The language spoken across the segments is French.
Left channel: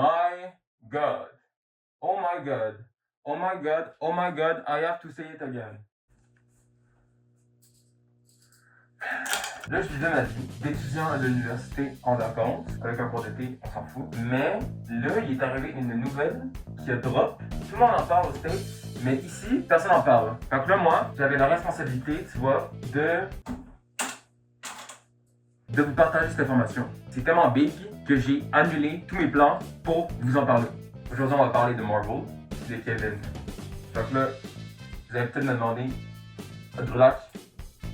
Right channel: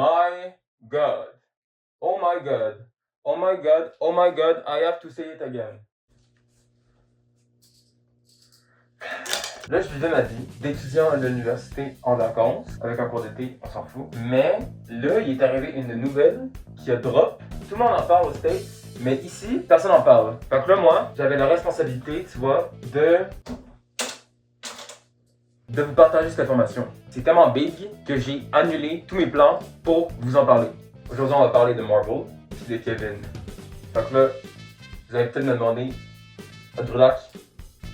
my god. Oh my god. Oh my god. Oh my god. I have to say it again. Là, je lui donne ma vie d'étudiant à l'université en vacances, avec un cours d'été, on s'en fout. Mais là, il est arrivé une nouvelle qui a drop. Tout le monde en parle aux States, mais ici, personne n'en parle. Fait que là, moi, j'avais la responsabilité, tu vois, de vous partager cette information. C'est tellement big que j'ai annulé tous mes plans pour vous en parler. Aujourd'hui, on va parler de Marvel et de Kevin. Fait que là, vous allez peut-être me demander, Drake,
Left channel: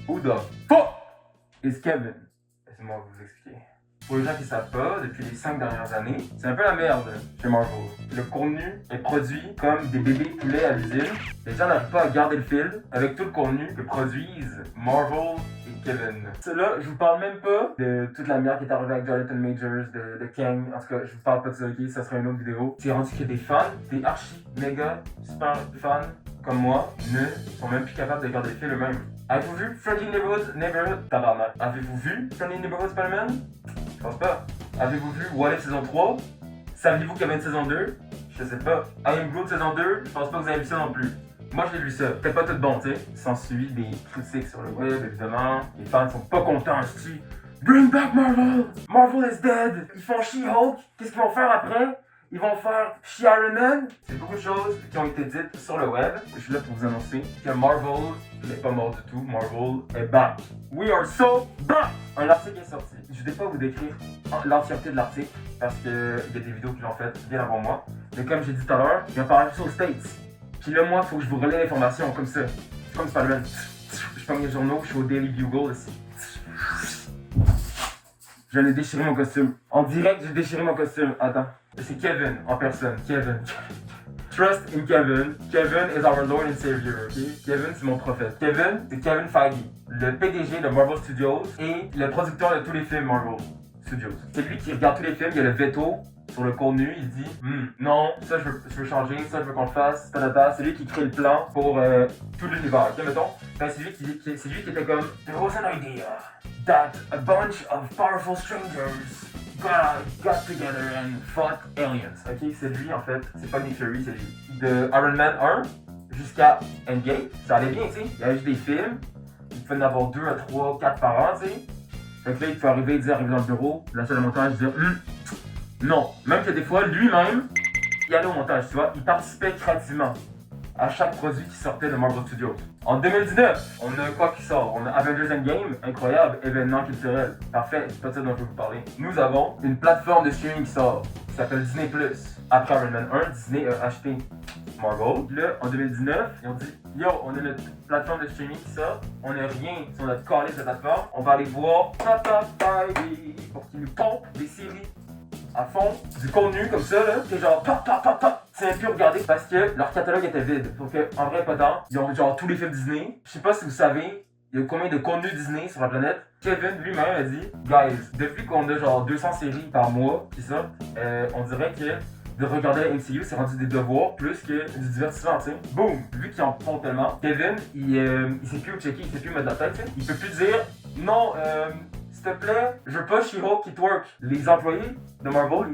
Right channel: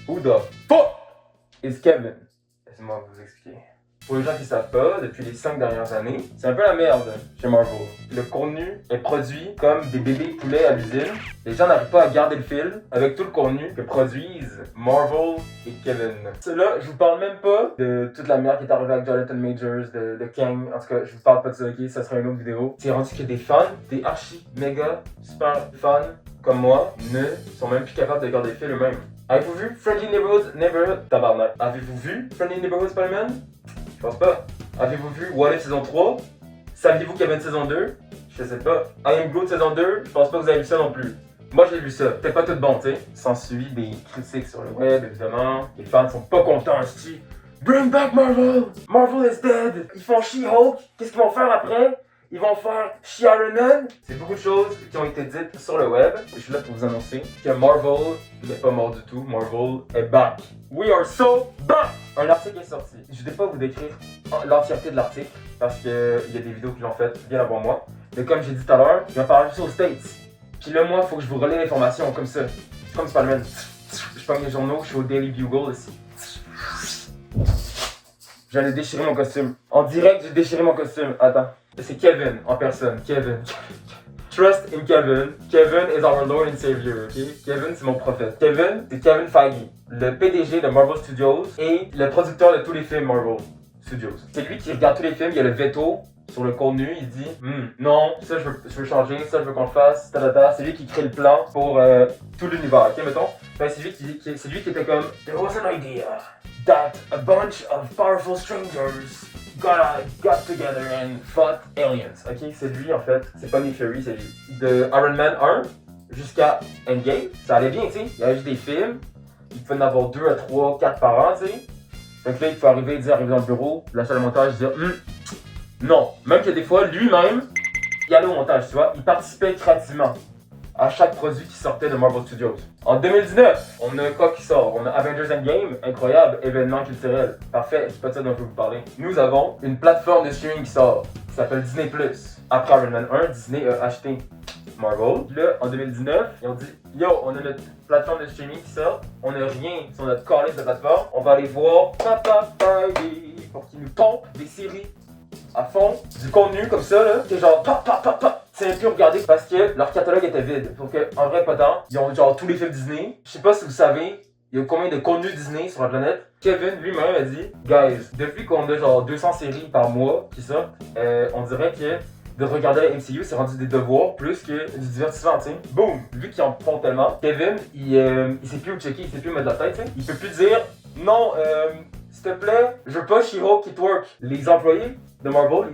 who the fuck is Kevin? Laissez-moi vous expliquer. Pour les gens qui ne savent pas, depuis les 5 dernières années, c'est un peu la merde chez Marvel. Le contenu est produit comme des bébés poulets à l'usine. Les gens n'arrivent pas à garder le fil avec tout le contenu que produisent Marvel et Kevin. Là, je vous parle même pas de toute la merde qui est arrivée avec Jonathan Majors, de Kang. En tout cas, je vous parle pas de ça, ok? Ça sera une autre vidéo. C'est rendu que des fans, des archi, méga, super fans comme moi, ne sont même plus capables de garder le fil eux-mêmes. Avez-vous vu Friendly Neighborhood, tabarnak. Avez-vous vu Friendly Neighborhood Spider-Man? Je pense pas. Avez-vous vu What If saison 3? Saviez-vous qu'il y avait une saison 2? Je sais pas. I Am Groot saison 2? Je pense pas que vous avez vu ça non plus. Moi j'ai vu ça, peut-être pas tout bon, tu sais. S'ensuit des critiques sur le web, évidemment. Les fans sont pas contents, je dis Bring back Marvel! Marvel is dead! Ils font She-Hulk, qu'est-ce qu'ils vont faire après? Ils vont faire She-Iron Man. C'est beaucoup de choses qui ont été dites sur le web. Je suis là pour vous annoncer que Marvel n'est pas mort du tout. Marvel est back. We are so back! Un article est sorti. Je ne vais pas vous décrire l'entièreté de l'article parce qu'il y a des vidéos que j'en fais bien avant moi. Mais comme j'ai dit tout à l'heure, je vais parler aux States. Puis là, moi, il faut que je vous relaie l'information comme ça. C'est comme Spider-Man. Je prends mes journaux, je suis au Daily Bugle ici. J'allais déchirer mon costume. En direct, j'ai déchiré mon costume. Attends. C'est Kevin en personne. Kevin. Trust in Kevin. Kevin is our Lord and Savior, ok? Kevin, c'est mon prophète. Kevin, c'est Kevin Feige, le PDG de Marvel Studios et le producteur de tous les films Marvel Studios. C'est lui qui regarde tous les films, il a le veto sur le contenu, il dit non, ça je veux changer, ça je veux qu'on le fasse, c'est lui qui crée le plan pour tout l'univers, ok, mettons. Ben, c'est lui qui était comme There was an idea that a bunch of powerful strangers got together and fought aliens. Ok, c'est lui en fait, c'est pas Nick Fury, c'est lui. De Iron Man 1 jusqu'à Endgame, ça allait bien, tu sais. Il y avait juste des films, il pouvait en avoir 2 à 3, 4 par an, tu sais. Donc là, il peut arriver dans le bureau, lâcher le montage, dire non. Même que des fois, lui-même, il allait au montage, tu vois, il participait créativement à chaque produit qui sortait de Marvel Studios. En 2019, on a quoi qui sort? On a Avengers Endgame, incroyable, événement culturel. Parfait, c'est pas de ça dont je vais vous parler. Nous avons une plateforme de streaming qui sort, qui s'appelle Disney+. Après Iron Man 1, Disney a acheté Marvel. Là, en 2019, ils ont dit yo, on a notre plateforme de streaming qui sort, on n'a rien sur notre calice de plateforme, on va aller voir pour qu'ils nous pompent des séries à fond, du contenu comme ça, là, c'est genre c'est plus regarder parce que leur catalogue était vide. Donc en vrai, pas tant. Ils ont genre tous les films Disney. Je sais pas si vous savez, il y a combien de contenu Disney sur la planète. Kevin lui-même a dit, guys, depuis qu'on a genre 200 séries par mois qui sortent, on dirait que de regarder la MCU, c'est rendu des devoirs plus que du divertissement, tu sais. Boom! Vu qu'ils en font tellement, Kevin, il sait plus où checker, il sait plus où mettre la tête, tu sais. Il peut plus dire, non, s'il te plaît, je veux pas She-Hulk qui twerk. Les employés de Marvel,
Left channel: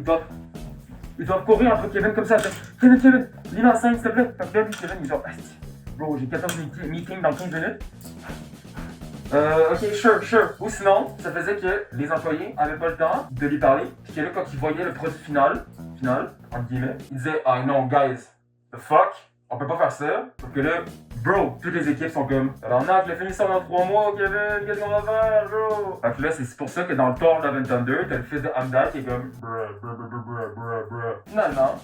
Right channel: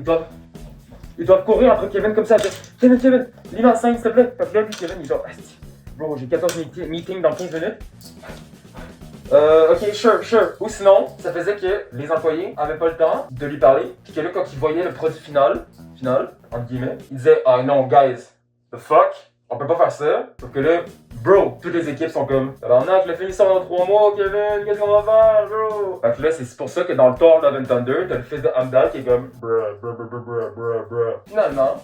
ils doivent courir entre Kevin comme ça. Kevin, lis ma scène, s'il te plaît. Fait que là, lui, Kevin, il est genre, bro, j'ai 14 meetings dans 15 minutes. Ok, sure. Ou sinon, ça faisait que les employés avaient pas le temps de lui parler. Puis que là, quand ils voyaient le produit final, entre guillemets, ils disaient, ah non, guys, the fuck, on peut pas faire ça. Sauf que là, bro, toutes les équipes sont comme, tabarnak, le film sort dans 3 mois, Kevin, qu'est-ce qu'on va faire, bro? Fait que là, c'est pour ça que dans le Thor Love and Thunder, t'as le fils de Heimdall qui est comme, bruh. Finalement,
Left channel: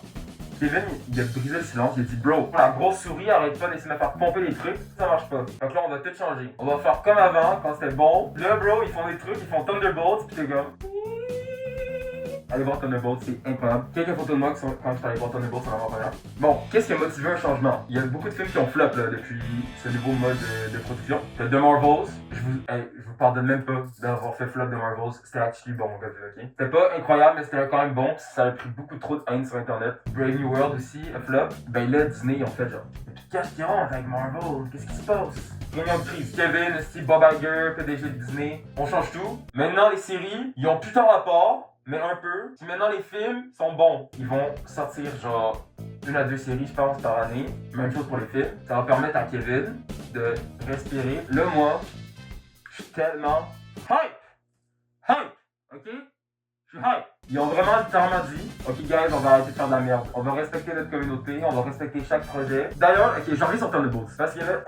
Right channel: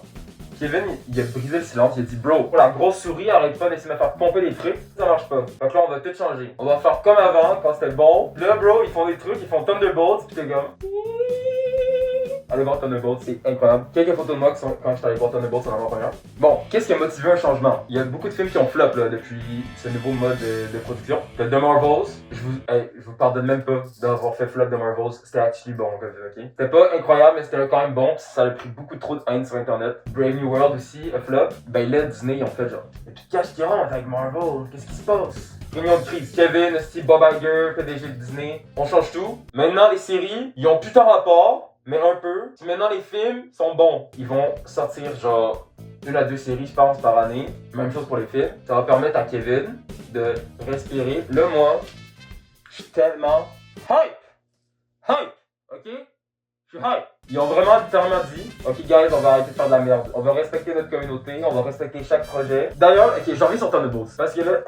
Kevin, il a brisé le silence, il a dit, bro, la grosse souris arrête pas d'essayer de me faire pomper des trucs, ça marche pas. Donc là, on va tout changer. On va faire comme avant, quand c'était bon. Là, bro, ils font des trucs, ils font Thunderbolts, pis t'es comme, allez voir Thunderbolts, c'est incroyable. Quelques photos de moi qui sont quand je suis allé voir Thunderbolts en avant-première. Bon, qu'est-ce qui a motivé un changement? Il y a beaucoup de films qui ont flop là, depuis ce nouveau mode de production. The Marvels, je vous pardonne même pas d'avoir fait flop de Marvels, c'était actually bon, ok? C'était pas incroyable, mais c'était quand même bon, pis ça a pris beaucoup trop de haine sur internet. Brave New World aussi, a flop. Ben là, Disney, ils ont fait genre, et puis qu'est-ce qui rentre avec Marvel? Qu'est-ce qui se passe? Réunion de crise. Kevin, Steve, Bob Iger, PDG de Disney, on change tout. Maintenant, les séries, ils ont plus tant rapport. mais un peu. Puis maintenant, les films sont bons. Ils vont sortir genre 1 à 2 séries, je pense, par année. Même chose pour les films. Ça va permettre à Kevin de respirer. Là, moi, je suis tellement hype! Hype! Ok? Je suis hype! Ils ont vraiment littéralement dit, ok guys, on va arrêter de faire de la merde. On va respecter notre communauté, on va respecter chaque projet. D'ailleurs, ok, j'en reviens sur Thunderbolts. Parce que là...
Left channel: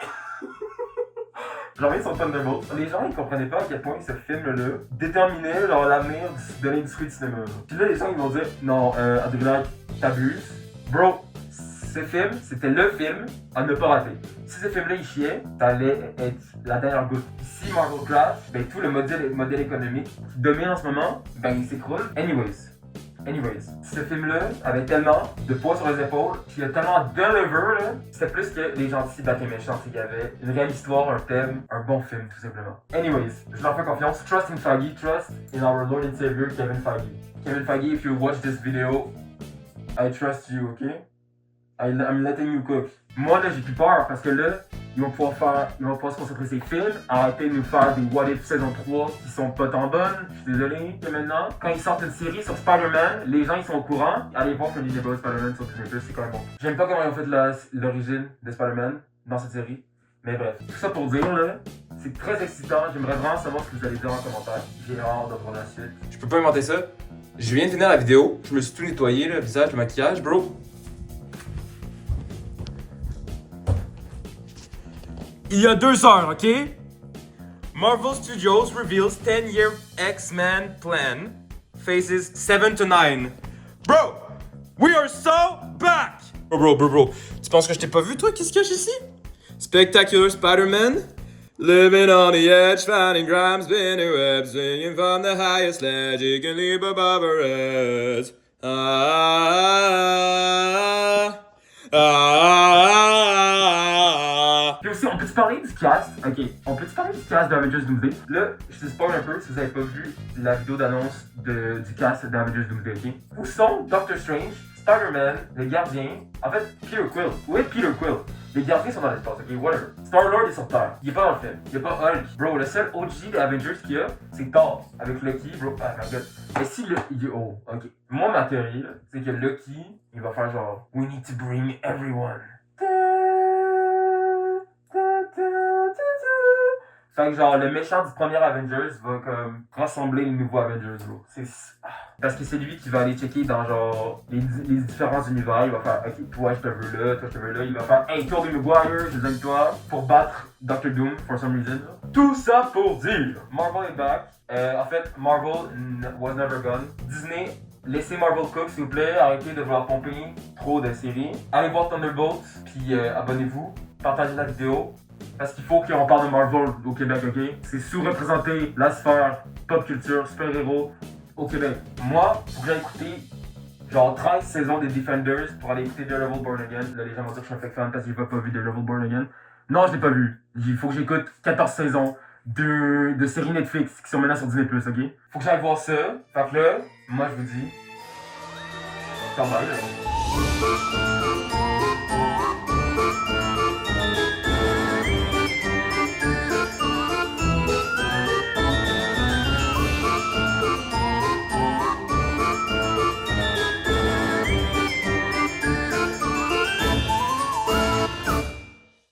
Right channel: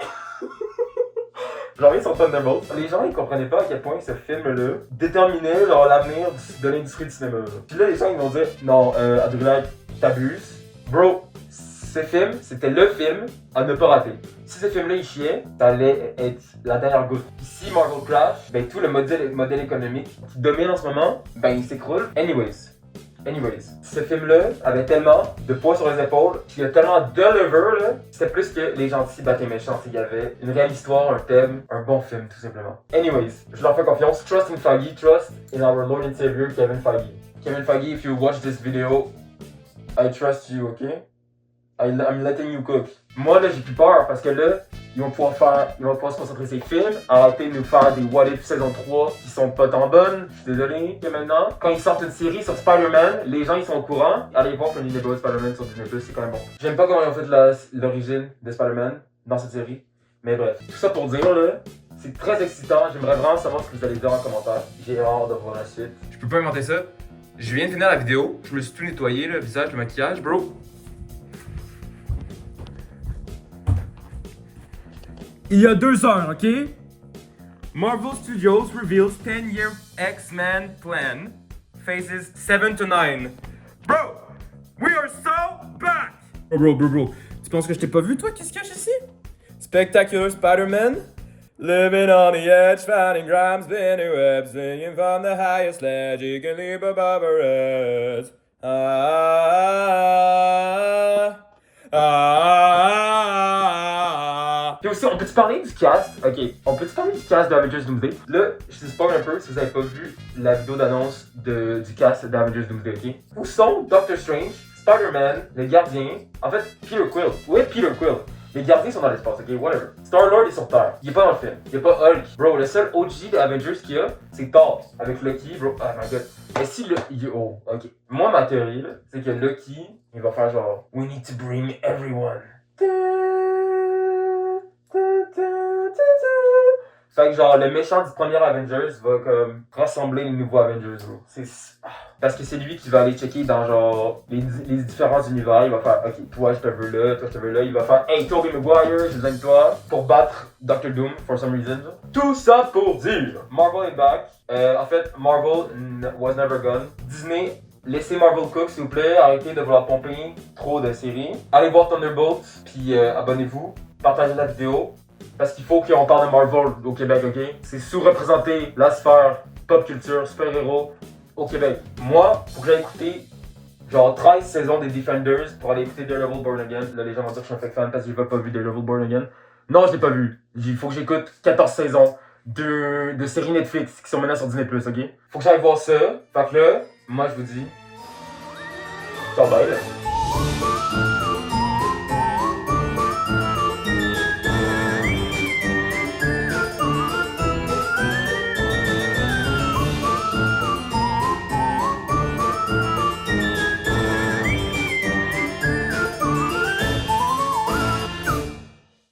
J'en reviens sur Thunderbolts. Les gens, ils comprenaient pas à quel point ce film-là déterminait genre l'avenir de l'industrie du cinéma. Puis là, les gens, ils vont dire, non, Adrien, t'abuses. Bro, ce film, c'était le film à ne pas rater. Si ce film-là, il chiait, ça allait être la dernière goutte. Si Marvel crash, ben tout le modèle économique qui domine en ce moment, ben il s'écroule. Anyways, ce film-là avait tellement de poids sur les épaules, qu'il y a tellement deliver, là, c'était plus que les gentils battent les méchants. Il y avait une réelle histoire, un thème, un bon film, tout simplement. Anyways, je leur fais confiance. Trust in Feige, trust in our Lord and Savior, Kevin Feige. Kevin Feige, if you watch this video, I trust you, okay? I'm letting you cook. Moi, là, j'ai plus peur parce que là, ils vont pouvoir se concentrer sur ces films, arrêter de nous faire des What If saison 3 qui sont pas tant bonnes. Je suis désolé. Et maintenant, quand ils sortent une série sur Spider-Man, les gens ils sont au courant. Allez voir Funny Neighbor Spider-Man sur Disney+, c'est quand même bon. J'aime pas comment ils ont fait l'origine de Spider-Man dans cette série. Mais bref, tout ça pour dire là, c'est très excitant. J'aimerais vraiment savoir ce que vous allez dire en commentaire. J'ai hâte de voir la suite. Je peux pas inventer ça. Je viens de finir la vidéo. Je me suis tout nettoyé, le visage, le maquillage, bro. Il y a 2 heures, ok? Marvel Studios reveals 10-year X-Men plan. Phases 7 to 9. Bro! We are so back! Bro. Tu penses que je t'ai pas vu, toi? Qu'est-ce qu'il y a ici? Spectacular Spider-Man? Living on the edge, finding crimes, spinning webs, swinging from the highest ledge, you can leap above a edge. Puis aussi, on peut-tu parler du cast? Ok, on peut-tu parler du cast d'Avengers Doomsday? Là, je te spoil un peu si vous avez pas vu la vidéo d'annonce du cast d'Avengers Doomsday, ok? Où sont Doctor Strange, Spider-Man, le gardien, en fait, Peter Quill. Où est Peter Quill? Les gardiens sont dans l'espace, ok, whatever. Star-Lord est sur Terre. Il est pas dans le film. Il y a pas Hulk. Bro, le seul OG des Avengers qu'il y a, c'est Thor. Avec Loki, bro. Oh my god. Et si le. Oh, ok. Moi, ma théorie, là, c'est que Loki, il va faire genre We need to bring everyone. Fait que genre, le méchant du premier Avengers va comme rassembler les nouveaux Avengers, bro. Parce que c'est lui qui va aller checker dans genre les différents univers. Il va faire, ok, toi je te veux là, toi je te veux là. Il va faire, hey, Tobey Maguire, je besoin de toi pour battre Doctor Doom for some reason. Tout ça pour dire, Marvel est back. En fait, Marvel was never gone. Disney, laissez Marvel cook s'il vous plaît. Arrêtez de vouloir pomper trop de séries. Allez voir Thunderbolts, puis abonnez-vous. Partagez la vidéo. Parce qu'il faut qu'on parle de Marvel au Québec, ok? C'est sous-représenté la sphère pop culture, super-héros au Québec. Moi, faut que j'aille écouter genre 13 saisons des Defenders pour aller écouter Daredevil Born Again. Là, les gens vont dire que je suis un fake fan parce que j'ai pas vu Daredevil Born Again. Non, je l'ai pas vu. Il faut que j'écoute 14 saisons de séries Netflix qui sont maintenant sur Disney+, ok? Faut que j'aille voir ça. Fait que là, moi je vous dis... Ciao, bye là.